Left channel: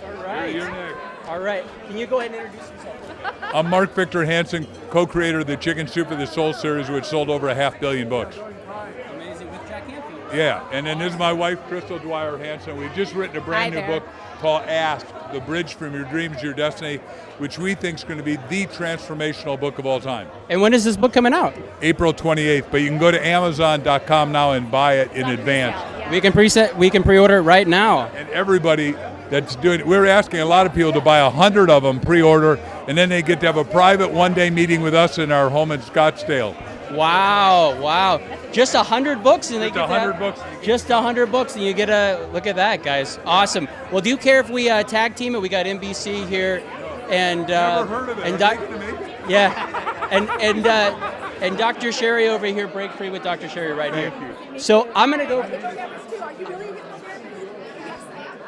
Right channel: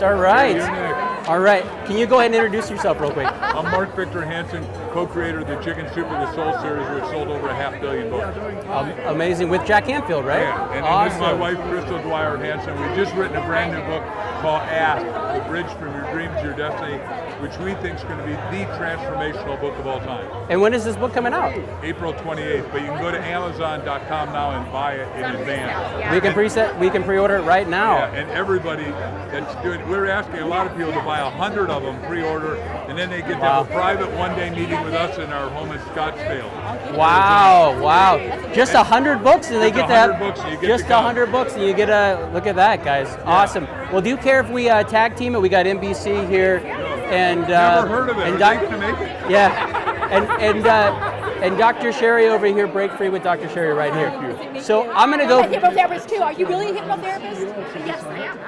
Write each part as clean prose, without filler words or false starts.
next. All right. You're next. All right. Can you go ahead and introduce yourself real quick? I'm Mark Victor Hansen, co-creator of the Chicken Soup of the Soul series, which sold over 500 million books. Amazing. With Jack Canfield, right? Yeah, and then awesome. this is my wife, Crystal Dwyer Hansen. We've just written a brand new book called Ask, The Bridge from Your Dreams to Your Destiny, which we think is going to be the transformational book of all time. And when is this book coming out? April 28th, but you can go to Amazon.com now and buy it in advance. We can pre-order it right now. And everybody that's doing it, we're asking a lot of people to buy 100 of them, pre-order, and then they get to have a private one-day meeting with us in our home in Scottsdale. Wow. Just 100 books and they get to have 100 books, you get just to go. 100 books and you get a look at that, guys. Awesome. Well, do you care if we tag team it? We got NBC here and Never heard of it. and I'd like to make it. yeah. And Dr. Sherry over here, break free with Dr. Sherry right here. Thank you. So I'm gonna go. I'm a hypnotherapist too. Are you really a hypnotherapist? Yes, I am.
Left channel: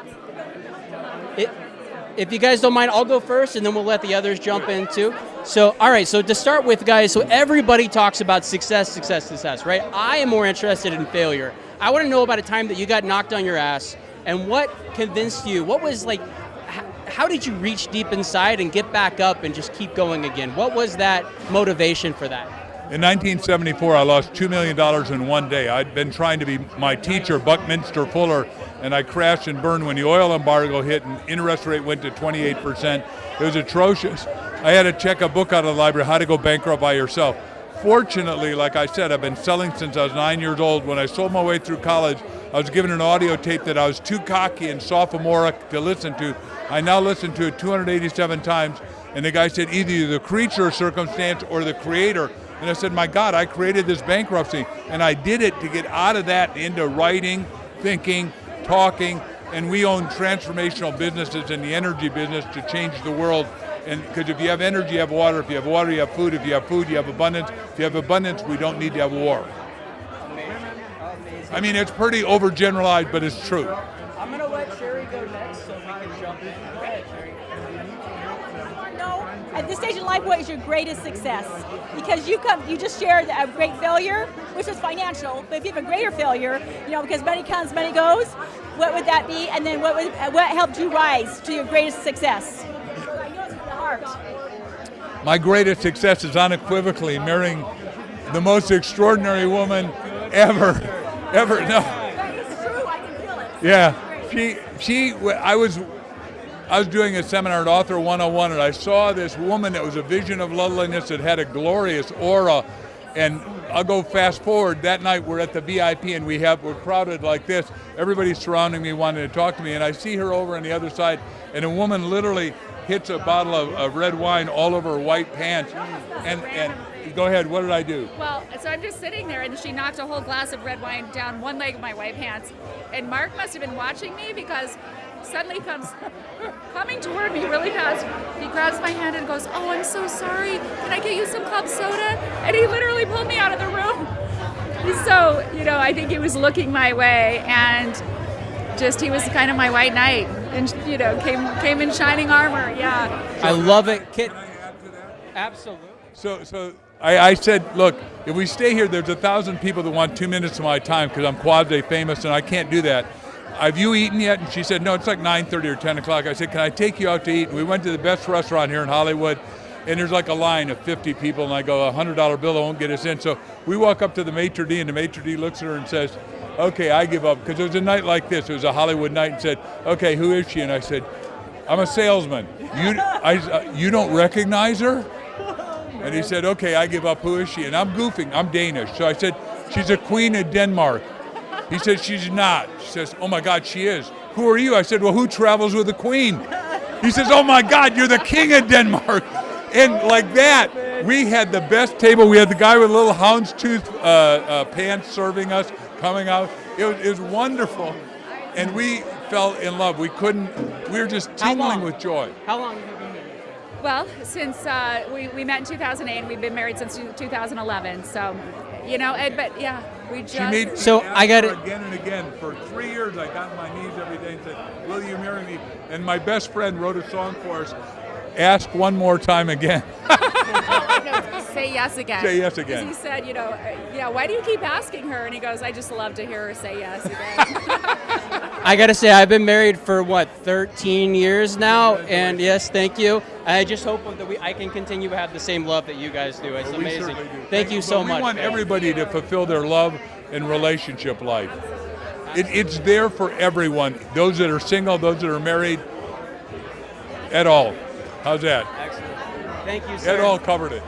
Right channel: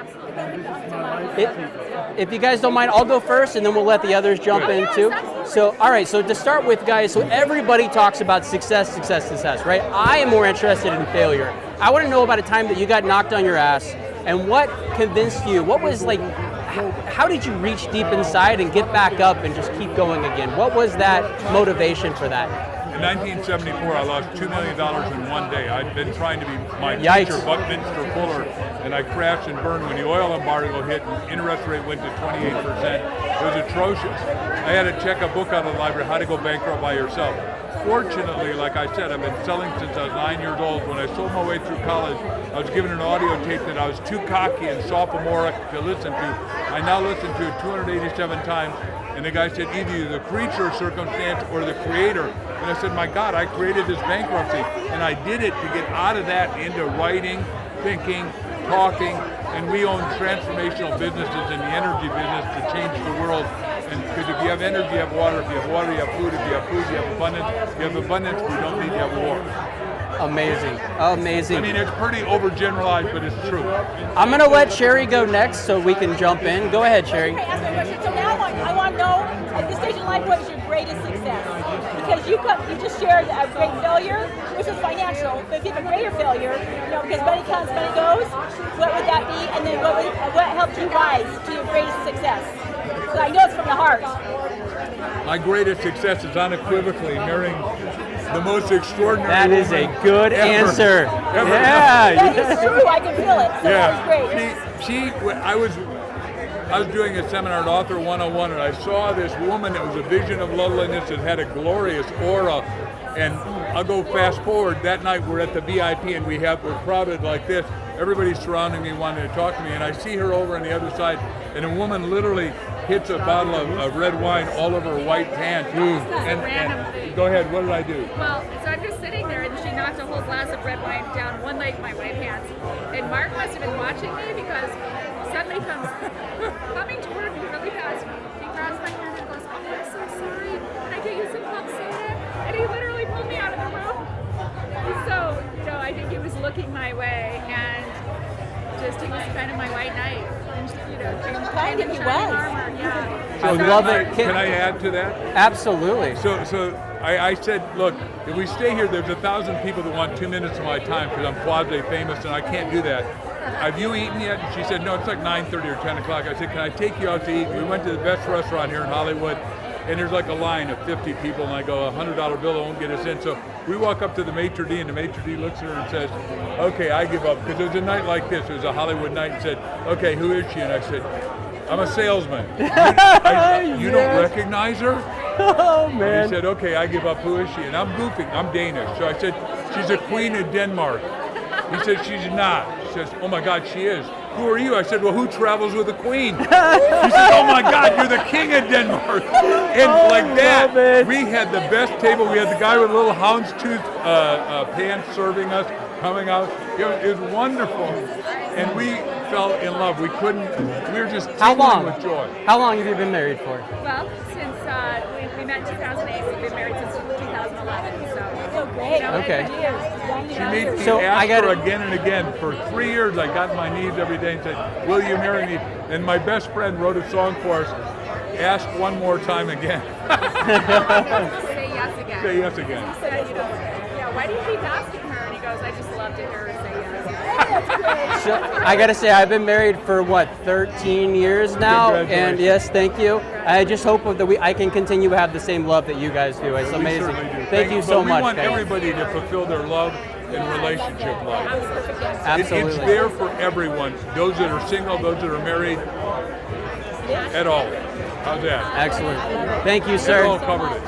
If you guys don't mind, I'll go first and then we'll let the others jump in too. So, all right, so to start with, guys, so everybody talks about success, right? I am more interested in failure. I want to know about a time that you got knocked on your ass and what convinced you, what was like, how did you reach deep inside and get back up and just keep going again? What was that motivation for that? In 1974, I lost $2 million in one day. I'd been trying to be my teacher, Yikes. Buckminster Fuller, and I crashed and burned when the oil embargo hit and interest rate went to 28%. It was atrocious. I had to check a book out of the library, How to Go Bankrupt by Yourself. Fortunately, like I said, I've been selling since I was 9 years old. When I sold my way through college, I was given an audio tape that I was too cocky and sophomoric to listen to. I now listen to it 287 times, and the guy said, either you're the creature of circumstance or the creator. And I said, my God, I created this bankruptcy, and I did it to get out of that into writing, thinking, talking, and we own transformational businesses in the energy business to change the world. And because if you have energy, you have water. If you have water, you have food. If you have food, you have abundance. If you have abundance, we don't need to have war. Amazing. I mean, it's pretty overgeneralized, but it's true. I'm gonna let Sherry go next so we can jump in. Go ahead, Sherry. Okay, ask my question. So now I want to know, at this stage in life, what is your greatest success? Because you just shared a great failure, which is financial, but if you have a greater failure, because money comes, money goes, what would that be? And then what helped you rise to your greatest success? So I know it's from the heart. My greatest success is unequivocally marrying the most extraordinary That is woman a good ever. answer. Ever. Yeah. That is true, I can feel it. So that was great. I was doing a seminar at Author 101, and I saw this woman that was a vision of loveliness that had a glorious aura. And I'll go fast forward. That night we're at the VIP and we're crowded like this. Everybody's surrounding me, wanting to talk to me, and I see her over on the other side, and a woman literally hits a bottle of red wine all over her white pants. And go ahead, what did I do? Well, so I'm just sitting there, and she knocked a whole glass of red wine down one leg of my white pants. And Mark must have been watching me because suddenly comes coming toward me really fast. He grabs my hand and goes, "Oh, I'm so sorry. Can I get you some club soda?" And he literally pulled me out of the room. So, I think he was looking my way, and he was kind of my white knight, and came in shining armor. Yeah. I love it. Can I add to that? Absolutely. So I said, look, if we stay here, there's 1,000 people that want 2 minutes of my time because I'm quasi-famous and I can't do that. Have you eaten yet? And she said, no, it's like 9:30 or 10 o'clock. I said, can I take you out to eat? And we went to the best restaurant here in Hollywood, and there's like a line of 50 people, and I go, $100 bill won't get us in. So we walk up to the maitre d', and the maitre d' looks at her and says, okay, I give up. Because it was a night like this. It was a Hollywood night, and said, okay, who is she? And I said, I'm a salesman. You don't recognize her? Oh, man. And he said, okay, I give up. Who is she? And I'm goofing. I'm Danish. So I said, she's a queen of Denmark. He said, she's not. She says, oh my God, she is. Who are you? I said, well, who travels with a queen? He says, oh my God, you're the king of Denmark. And like that, we had the best table. We had the guy with little houndstooth pants serving us, coming out. It was wonderful. And we fell in love. We were just tingling with joy. How long have you been married for? Well, since we met in 2008, we've been married since 2011. So, Okay. She made me So ask I got her again and again. For 3 years, I got on my knees every day and said, will you marry me? And my best friend wrote a song for us, Ask One More Time Again. Say yes again. Say yes again. He said, why do you keep asking her? And he goes, I just love to hear her say yes. I gotta say, I've been married for 13 years now, and yes, thank you. I just hope that I can continue to have the same love that you guys do. It's amazing. Thank you so much. We want everybody to fulfill their love and relationship life. Absolutely. It's there for everyone. Those that are single, those that are married, at all. How's that? Excellent. Thank you, That sir. all covered it.